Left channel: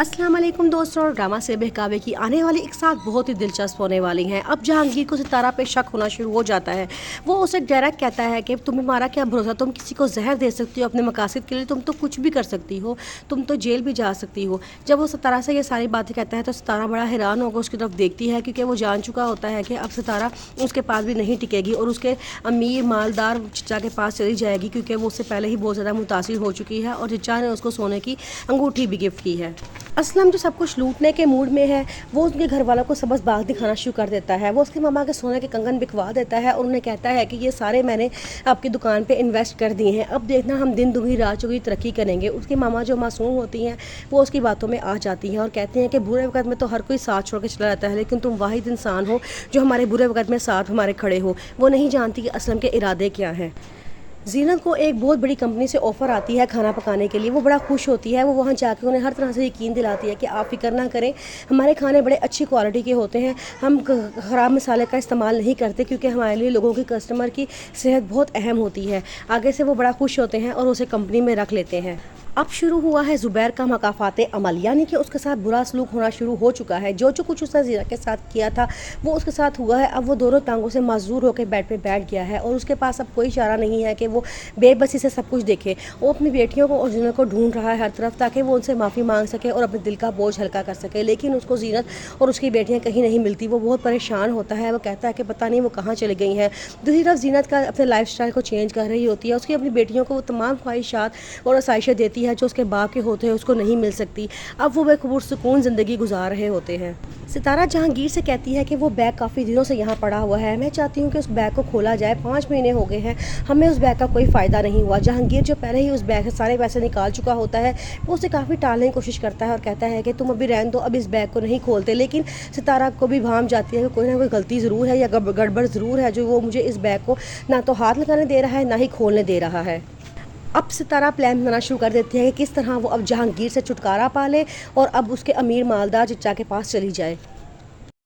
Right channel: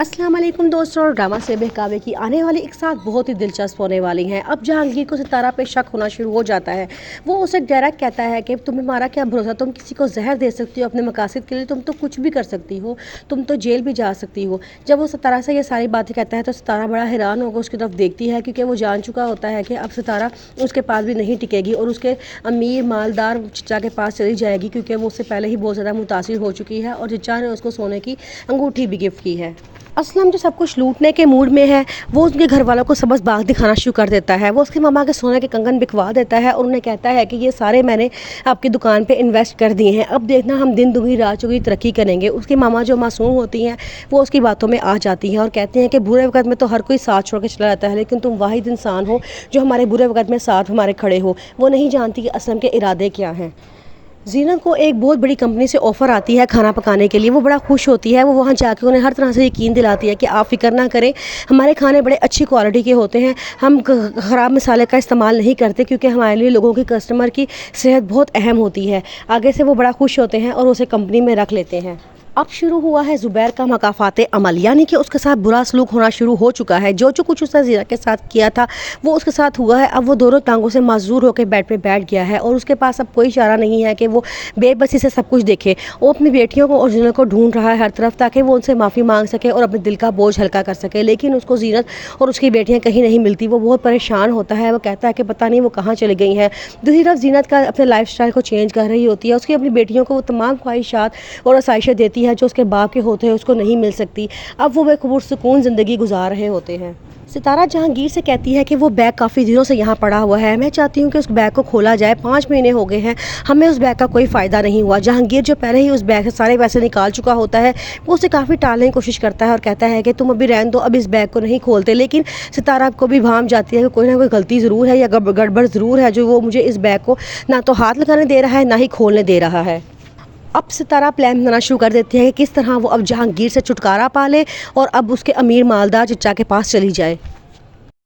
अस्सलाम वालेकुम दोस्तों, ड्रामा से बहकावे की आने वाली एक साथ बहुत ही दिलचस्प होने वाली हैं। अब जहांगीर को सितारा पे शक होना शुरू हो जाता है। वो उसे डायरेक्ट कहता है कि तुम्हें हमारा क्या भरोसा, तुम किसी को जहर दे सकती हो अपने मकासद के लिए, तुम तो कुछ भी कर सकती हो, तुम तो जेल भी जा सकती हो। जब वो सितारा से ये सारी बातें कहता है तो सितारा बड़ा हैरान होकर उसकी तरफ देखती है, क्योंकि वो जान चुका होता है कि अब सितारा उसके पास भी नहीं टिकेगी और उसके अमीर मालदार चचा के पास चली जाएगी, क्योंकि वो उससे पहले ही बहुत ज़्यादा मुतासिर हो चुकी है और चचा ने उसको सोने की अंगूठी भी गिफ्ट की है। असलम जो सब कुछ लूटने के मूड में है, वो उसके घर वालों को सबस बाग दिखाना शुरू कर देता है। वो उसके मामा के सोने के कंगन बिकवा देता है और उन्हें कहता है कि ये सारे मैंने आपकी दुकान पे इन्वेस्ट कर दिए हैं, अब देखना हम दिन दुगनी रात चौगुनी तरक्की करेंगे। उसकी मामा जो मासूम होती हैं वो उसकी बातों में आ जाती हैं और कहते हैं कि बुरे वक्त में तो हर कोई साथ छोड़ के चला जाता है, लेकिन तुम वाहिद इंसान हो जो हमारे बुरे वक्त में साथ हमारे खड़े हो। वो नहीं जानती कि असलम के इरादे क्या हैं। जीनत को एक बहुत बड़ी कंपनी से ऑफ़र आती है खाना पकाने के लिए। वो बड़ा खुश होती है। वो वहाँ जाकर उन्हें हर तरह से यकीन दिलाती है कि आप फ़िक्र ना करें, हमारे खाने बड़े अच्छी क्वालिटी के होते हैं, हम ख़राब मसाले का इस्तेमाल नहीं करते, क्योंकि हमारे लिए लोगों की कस्टमर की सेहत बहुत अहम होती है। आगे से वो बड़ा खुश होते हैं और उसे कंपनी में रख लेते हैं। अब शुरू हुआ है ज़ुबैर का मकाफ़ात अमल, यानी कि उसके साथ बुरा सलूक होना शुरू हो चुका है। जो कुछ उसने ज़ीरा के साथ किया था वो उसके साथ हुआ है। अब वो दोनों टांगों से माजूर होकर बेड पे बैठ गया है और उसके पास अब कोई चारा नहीं है कि वो बेबसी से सब कुछ देखे। वो अपनी बेटियों को और जीनत को ढूंढ रहा है हर तरफ, ताकि वो उनसे माफ़ी मांग सके और अपने दिल का बोझ हल्का कर सके, लेकिन उसको जीनत और उसकी बेटियाँ कहीं नहीं मिलती। वो बहुत परेशान होता है। वो कहता है कि पता नहीं वो कहाँ चली गई हैं। दूसरी तरफ जीनत का अपने लाइफ स्टाइल को चेंज कर रही होती है। उसकी अपनी बेटियों को वो तमाम ख्वाहिशात और आसाइशें देती है जो उसके बाप के होते हैं उसको नहीं मिल सकती। अब वो पुरसुकून ज़िंदगी गुजार रहे होते हैं। सितारा जहांगीर से कहती है कि वो बैग काफ़ी दिनों से यहाँ पड़ा हुआ है, मैं चाहती हूँ कि उस बैग को खोला जाए। 5 महीने हो गए हैं, हमें उस बैग का कोई फ़ायदा नहीं हुआ। जहांगीर जो पहले ही उस बैग से सारे पैसे निकाल चुका होता है, वो उसे काफ़ी टालने की कोशिश करता है और कहता है कि तुम अभी रहने दो, अब इस बैग को नहीं खोलते। लेकिन सितारा को भी भाम जाती है कि कोई ना कोई गलती ज़रूर है या गड़बड़ ज़रूर है, जो वो मुझे इस बैग को ना तो हाथ लगाने दे रहा है ना ही खोलने दे रहा है। अब सितारा प्लान बनाना शुरू कर देती है कि किस तरह वो अब जहांगीर से छुटकारा पा ले और अब उसके अमीर मालदार चचा के पास चली जाए।